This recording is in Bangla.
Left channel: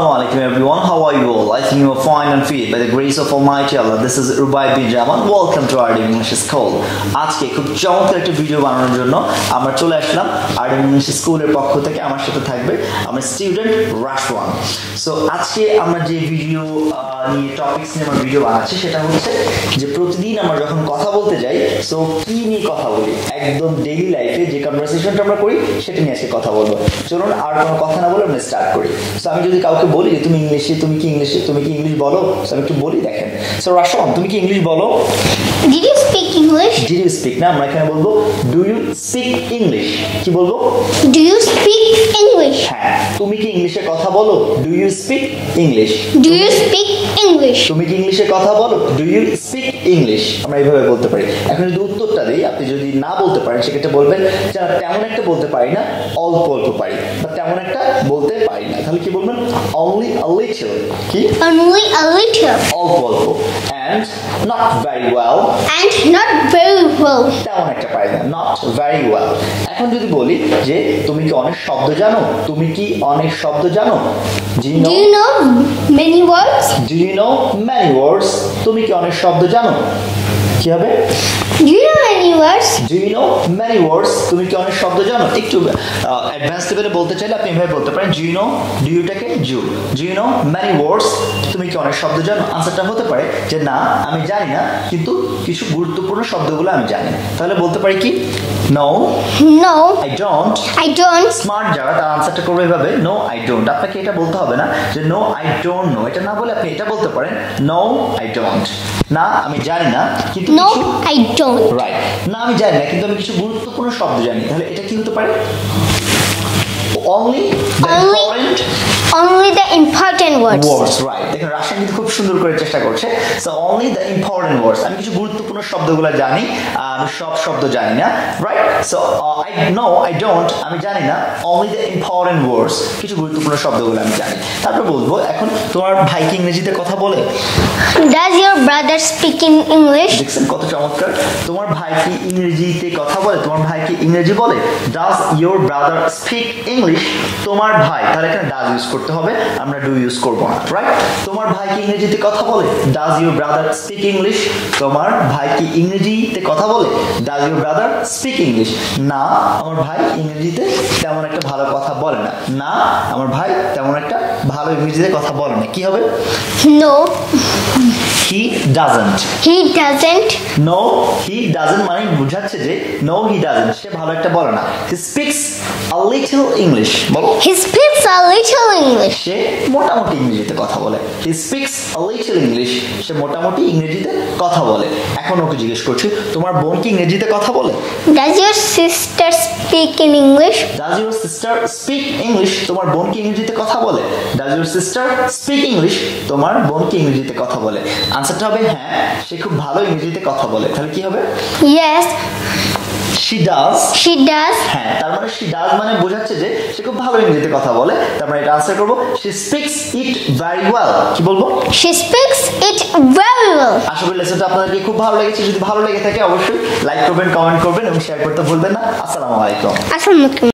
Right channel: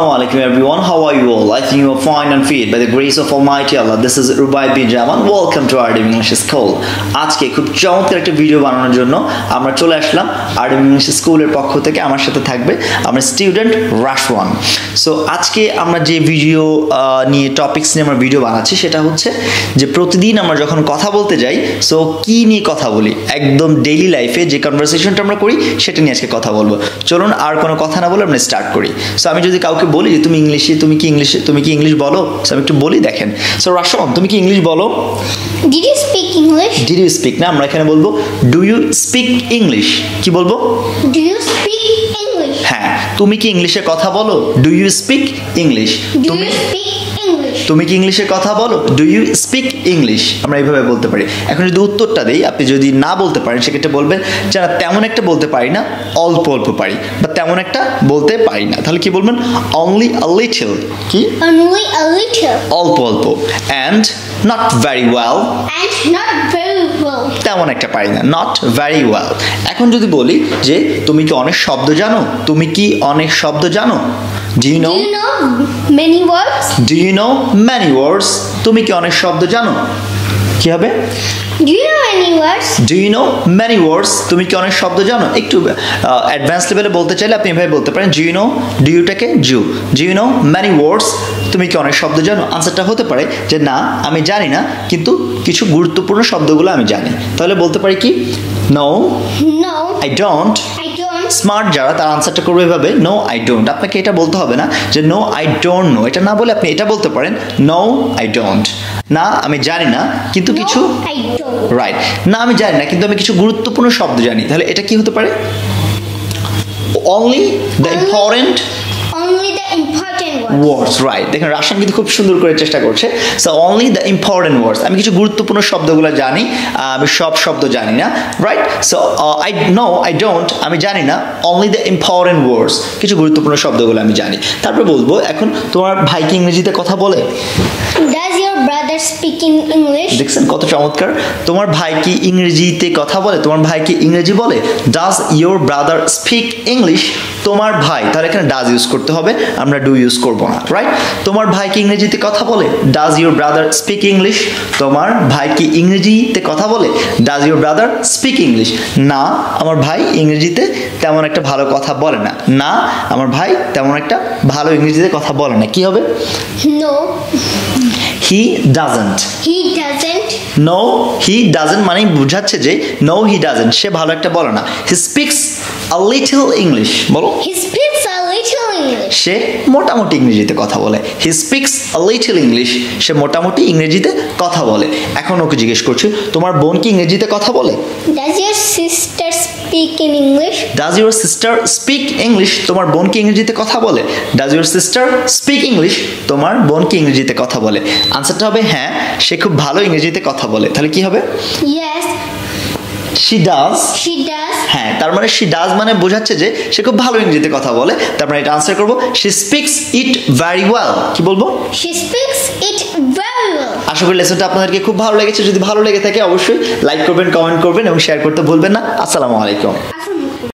Assalamu alaikum everyone, how are you all? I think you are fine and fit by the grace of Almighty Allah. This is Rubai bin Jaman. Welcome to our English School. আজকে খুব চমৎকার একটা ভিডিও বানানোর জন্য আমরা চলে আসলাম আর ইংলিশ স্কুলের পক্ষ থেকে। আমার সাথে থাকবে আমার স্টুডেন্ট রাশওয়ান। সো আজকে আমরা যে ভিডিও নিয়ে টপিকস নিয়ে আমরা ভিডিও বানাচ্ছি সেটা হচ্ছে যে প্রতিদিন আমরা যখন কথা বলতে যাই সো কি নিয়ে কথা বলি, একদম ডেইলি লাইফে যে কনভারসেশনটা আমরা করি সেটা নিয়ে আজকে কথা বলবো। চলুন আর কোনো কথা না বলে আমরা স্টার্ট করি। সো আমি যদি কাউকে বলি যে তুমি কি ইংলিশ বলো, সো আমি একটু বলি, দেখেন। সো রাশওয়ান, তুমি কি ইংলিশ বলো? Did you speak English? Did you speak না, আমরা এখানে বলবো do you speak English? কি বলবো? Do you speak English? হ্যাঁ, তুমি কি ইংলিশে কথা বলো? Do you speak English? Do you speak English? তুমি কি ইংলিশে কথা বলো? Do you speak English? আমরা এইভাবে বলতে পারি। এখন যদি উত্তরটা দেই, আপনি যদি না বলতে পারেন সেক্ষেত্রে বলবেন যারা তেমন একটা বলতে পারি না, অল্প অল্প পারি, বা তেমন একটা বলতে পারি না, তাহলে কি বলবেন? Only a little। কি? Only a little. অল্প অল্প। And not very well। And not very well. তেমন একটা পারি না, not very well। এখন যদি বলি যে তুমি কি অনেক শব্দ জানো? তুমি কি অনেক শব্দ জানো? Do you know many words? Do you know many words? তুমি কি অনেক শব্দ জানো? কি হবে? Do you know many words? Do you know many words? তুমি কি অনেক শব্দ জানো? একটু অ্যাডভান্স লেভেলে বলতে চাইলে আপনি এভাবে বলতে পারেন do you know, do you টাকে do you know many words? তুমি কি অনেক শব্দ জানো? আনসারটা হতে পারে যে না, আমি জানি না, কিন্তু কিছু গুরুত্বপূর্ণ শব্দগুলো আমি জানি। তাহলে বলতে পারি কি? No I don't স্মার্ট যারা তার আনসারটা করবে এভাবে no I don't। আপনাকে এটা বলতে হবে না যে no I don't know, এটা না বলে আপনি এটা বলতে পারেন no I don't। না আমি জানি না কিন্তু কিছু I don't। রাইট, না আমি জানি না কিন্তু আমি কিছু গুরুত্বপূর্ণ শব্দ জানি। তাহলে এটা কি হতে পারে? Only the important words, right? দেখেন রাশিয়ান কিন্তু খুব সুন্দর করে চেষ্টা করছে। So only the important words, আমি কিছু গুরুত্বপূর্ণ শব্দগুলো জানি, আমি সব শব্দ জানি না, রাইট? সো I don't, আমি জানি না, only the important words, কিছু গুরুত্বপূর্ণ শব্দগুলো আমি জানি। তারপর বলবো এখন তোমার ভাই কি ইংরেজিতে কথা বলে? Does your brother speak in English? দেখছেন কত চমৎকার। তোমার ভাই কি ইংরেজিতে কথা বলে? তোমার ভাই কি ইংরেজি বলে? Does your brother speak English? তোমার ভাই, তাহলে এখানে does ইউজ করতে হবে, আমরা do ইউজ করব না, রাইট? তোমার ভাই কি ইংরেজিতে কথা বলে? Does your brother speak English? তোমার ভাই কি ইংরেজিতে কথা বলে? Does your brother speak English? না, আমার ভাই ইংরেজিতে তেমন একটা ভালো কথা বলে না। না, আমার ভাই তেমন একটা ভালো ইংরেজিতে কথা বলে না। কি হবে? No he doesn't। No he doesn't মানে বোঝাচ্ছে যে no he doesn't, সে ভালো একটা বলে না। He speaks a little English। বলো। He speaks a little English। সে মোটামুটি ইংরেজিতে কথা বলে। He speaks a little English, সে মোটামুটি ইংরেজিতে কথা বলে। এখন ওকে জিজ্ঞেস করছি তোমার বোন কি ইংরেজিতে কথা বলে? Does your sister speak in English? Does your sister speak English? তোমার বোন কি ইংরেজিতে কথা বলে? Does your sister speak English? তোমার বোন কি ইংরেজিতে কথা বলে? আনসারটা হবে হ্যাঁ, সে খুব ভালো ইংরেজিতে কথা বলে। তাহলে কি হবে? Yes she does। হ্যাঁ, তার মানে she does মানে বোঝাচ্ছে যে সে খুব ভালো ইংরেজিতে কথা বলে। তারপরে এটা আনসার করব she speaks it very well। কি বলবো? She speaks it very well। আশা করি লেসনটা আপনাদেরকে খুব ভালো লেগেছে। যদি ভালো লেগে থাকে অবশ্যই লাইক করবেন, কমেন্ট করবেন এবং শেয়ার করতে ভুলবেন না। আসসালামু আলাইকুম।